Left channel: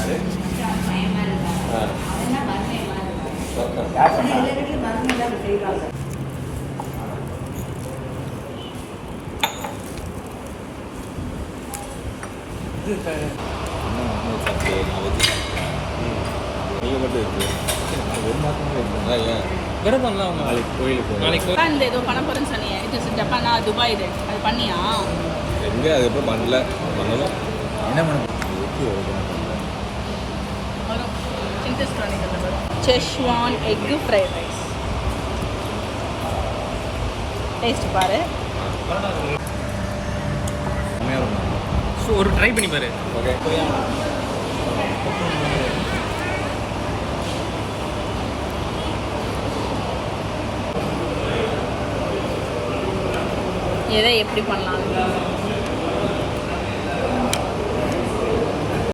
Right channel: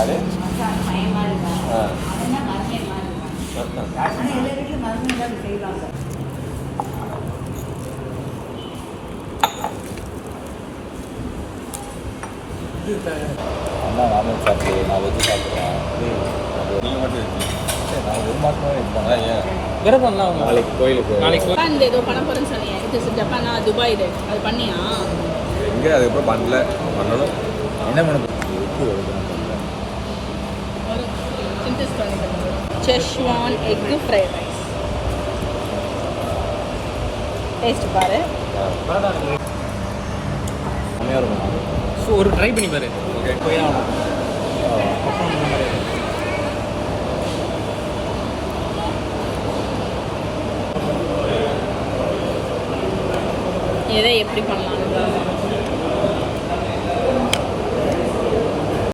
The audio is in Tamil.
அது அண்ணா நானும் சாப்பிட்டு நான் வெஜ்ஜு சாப்பிட்றேன். நீங்கள் மட்டும் இருக்கு நான் வெறுமாக்கவே இருந்தாங்க. ஏன் விரதம்லாம் நாளைக்கு கோயிலுக்கு இந்த ஏதோ பண்ண போகிறேன்னு சொன்னீங்க. இது ஜப்பானா துபாய் இது அது பண்ணியா? எங்கே அதுக்கப்புறம் பண்ணல பண்ணணும். என்ன பண்ண வரும் சிந்தஸ் காணிக்கிறது. Schezwan egg fried rice taste பாரு. கம்மியாக இருக்கும். ஸோ ஒரு ட்ரை பண்ணி பாரு. ஓகே எதை எப்படி பண்ணலான்னு